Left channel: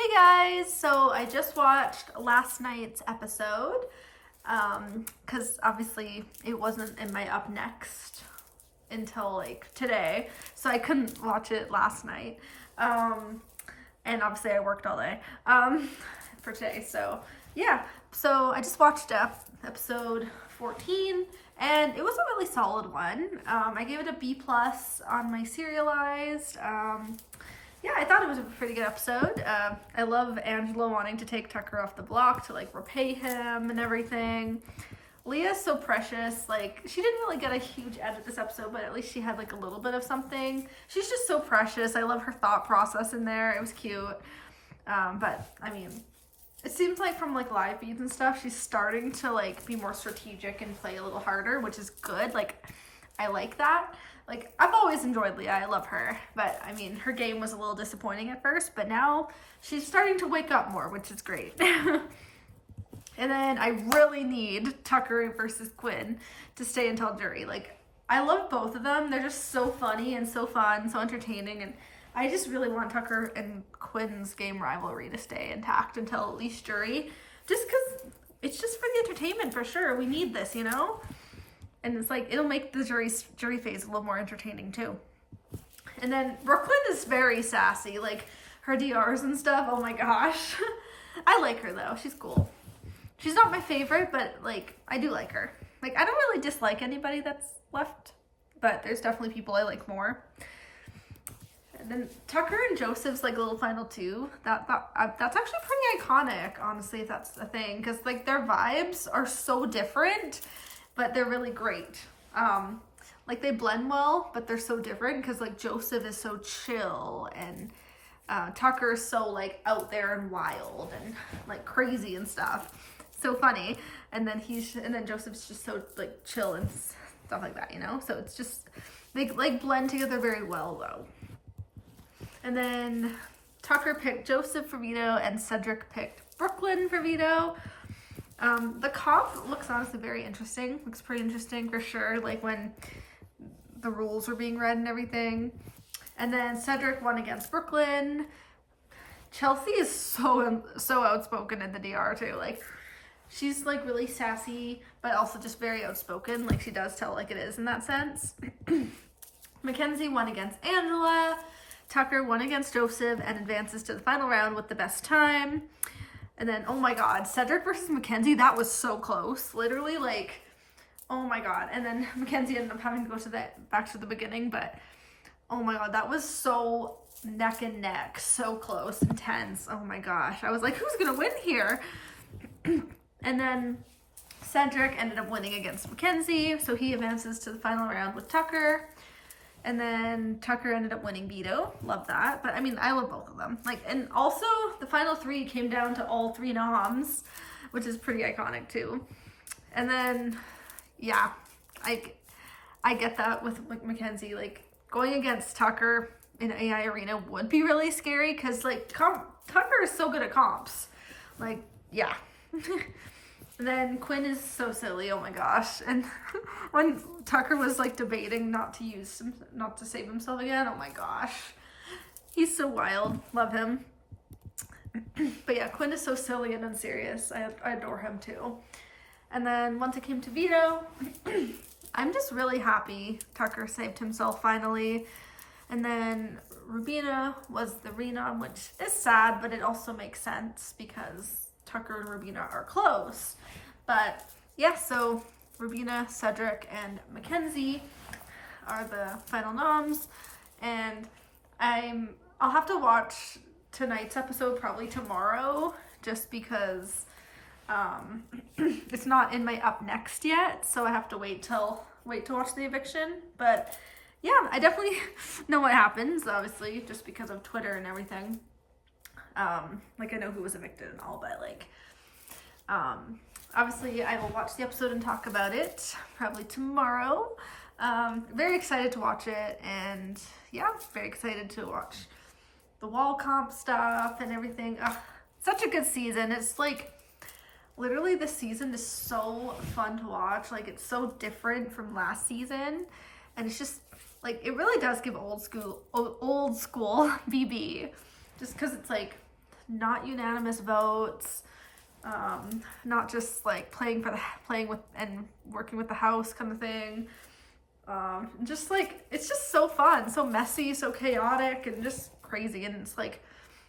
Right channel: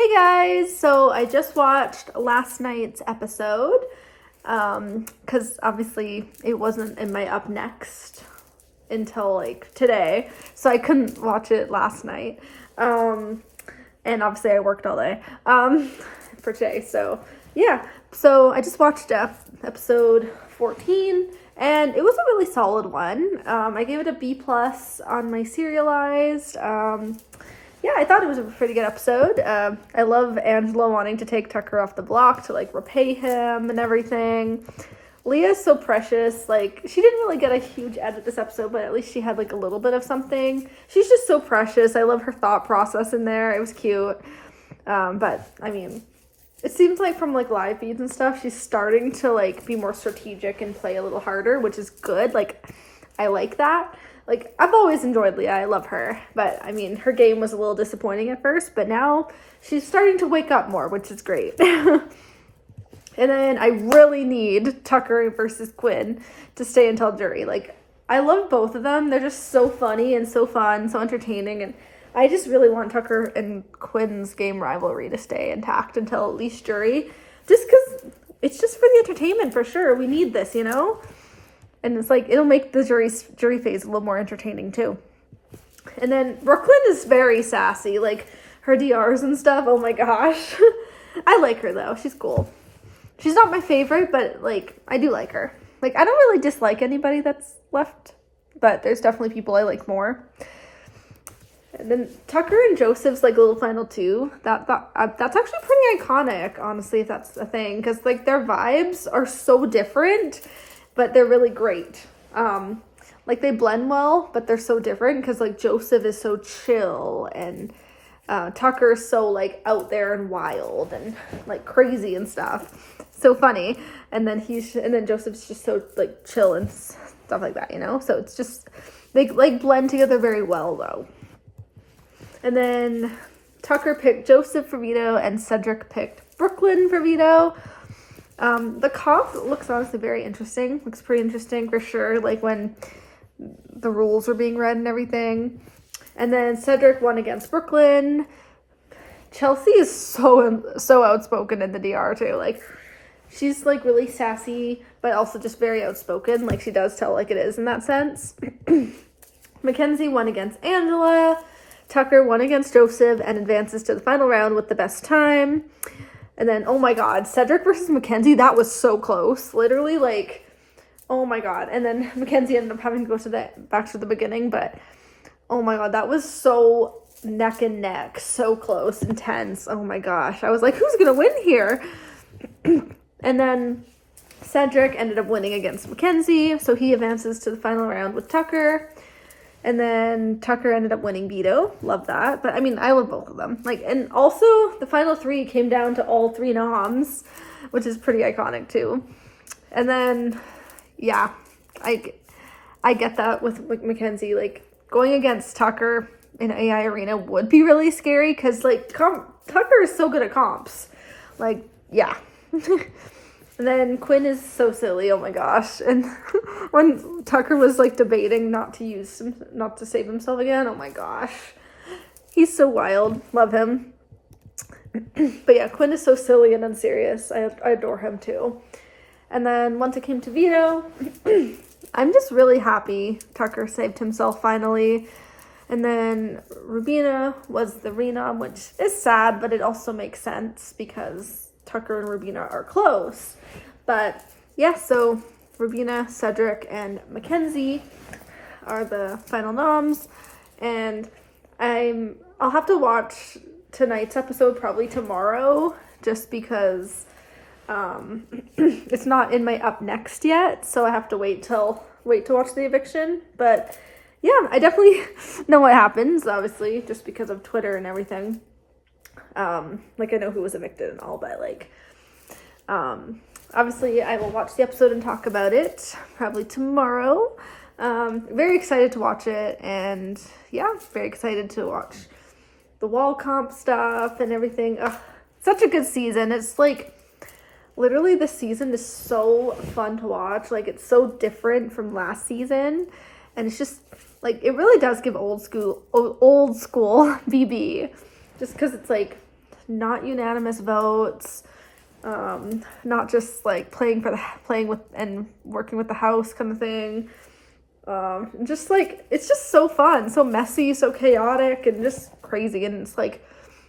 Hey guys, so I just watched last night's episode because obviously it wasn't in my up next until like today, so I couldn't watch it last night. And obviously I worked all day for today, so yeah. So I just watched episode 14 and it was a really solid one. I gave it a B plus on my serialized. Yeah, I thought it was a pretty good episode. I love Angela wanting to take Tucker off the block to like repay him and everything. Leah's so precious. Like, she didn't really get a huge edit this episode, but at least she had like a little bit of something. She's just so precious. I love her thought process in there. It was cute. But I mean, it seems like from like live feeds and stuff, she's starting to like be more strategic and play a little harder, which is good. Like, I like that. Like, I've always enjoyed Leah. I love her. But, I mean, her game was a little disappointing at first. But now she's starting to wake up more, which is great. And then I really need Tucker versus Quinn to stay until jury. Like, I love both of them. They're just so funny and so fun, so entertaining. And I just really want Tucker and Quinn's game rivalry to stay intact until at least jury. Just because it's just for the entertainment, for sure. We need this, you know? And it's like, it'll make the jury phase a little more entertaining too. And then Brooklyn is very sassy. Like, her DRs and stuff, oh my gosh. I like her though, she's cool. She's not my favorite, but like, I do like her. Like, I don't really dislike anybody that's left, but there's definitely people I like more. And then Tucker and Joseph's like little final two, that's actually pretty iconic, honestly, if that's a thing. Because like, their vibes are so different, but they're really great. Like, they blend well, but they're so different because like Joseph is so chill and Tucker is so like out there and wild and like crazy and stuff. So funny. And then Joseph's just so like chill and stuff like that, you know? So it's just, they like blend together very well though. And then Tucker picked Joseph for veto and Cedric picked Brooklyn for veto. The comp looks honestly very interesting. Looks pretty interesting for sure. Like when the rules were being read and everything. And then Cedric won against Brooklyn. Chelsea is so outspoken in the DR too. Like, she's like really sassy, but also just very outspoken. Like, she does tell like it is in that sense. Mackenzie won against Angela. Tucker won against Joseph and advances to the final round with the best time. And then, oh my god, Cedric versus Mackenzie, that was so close. Literally, like, oh my god. And then Mackenzie ended up having to go back to the beginning, but oh my god, that was so neck and neck, so close, intense. Oh my gosh. I was like, who's gonna win here? And then Cedric ended up winning against Mackenzie, so he advances to the final round with Tucker. And then Tucker ended up winning veto. Love that. But I mean, I love both of them. Like, and also the final three came down to all three noms, which is pretty iconic too. And then, yeah, I get that with Mackenzie. Like, going against Tucker in AI Arena would be really scary because like Tucker is so good at comps. Like, yeah. And then Quinn is so silly, oh my gosh. And when Tucker was like debating not to save himself again, oh my gosh. He's so wild. Love him. But yeah, Quinn is so silly and unserious. I adore him too. And then once it came to veto, I'm just really happy Tucker saved himself finally. And then Rubina was the renom, which is sad, but it also makes sense because Tucker and Rubina are close. But yeah, so Rubina, Cedric, and Mackenzie are the final noms. And I'll have to watch tonight's episode probably tomorrow just because it's not in my up next yet. So I have to wait to watch the eviction. But yeah, I definitely know what happens, obviously, just because of Twitter and everything. Like, I know who was evicted and all, but like, obviously I will watch the episode and talk about it probably tomorrow. Very excited to watch it, and yeah, very excited to watch the wall comp stuff and everything. Ugh, such a good season. It's like, literally this season is so fun to watch. Like, it's so different from last season, and it's just like, it really does give old school BB, just because it's like not unanimous votes, not just like playing with and working with the house kind of thing. Just like, it's just so fun, so messy, so chaotic, and just crazy. And it's like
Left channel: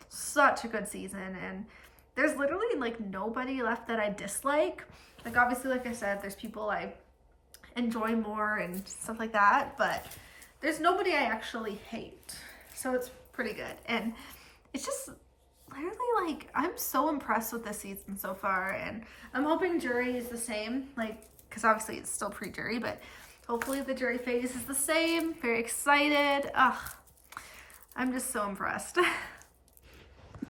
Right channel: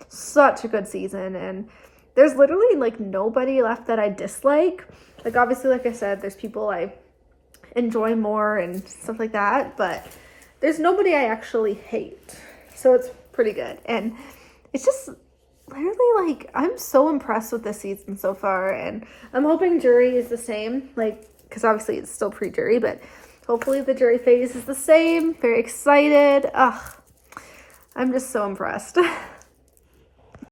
such a good season, and there's literally like nobody left that I dislike. Like, obviously, like I said, there's people I enjoy more and stuff like that, but there's nobody I actually hate. So it's pretty good. And it's just literally like, I'm so impressed with this season so far, and I'm hoping jury is the same, like, because obviously it's still pre-jury, but hopefully the jury phase is the same. Very excited. I'm just so impressed.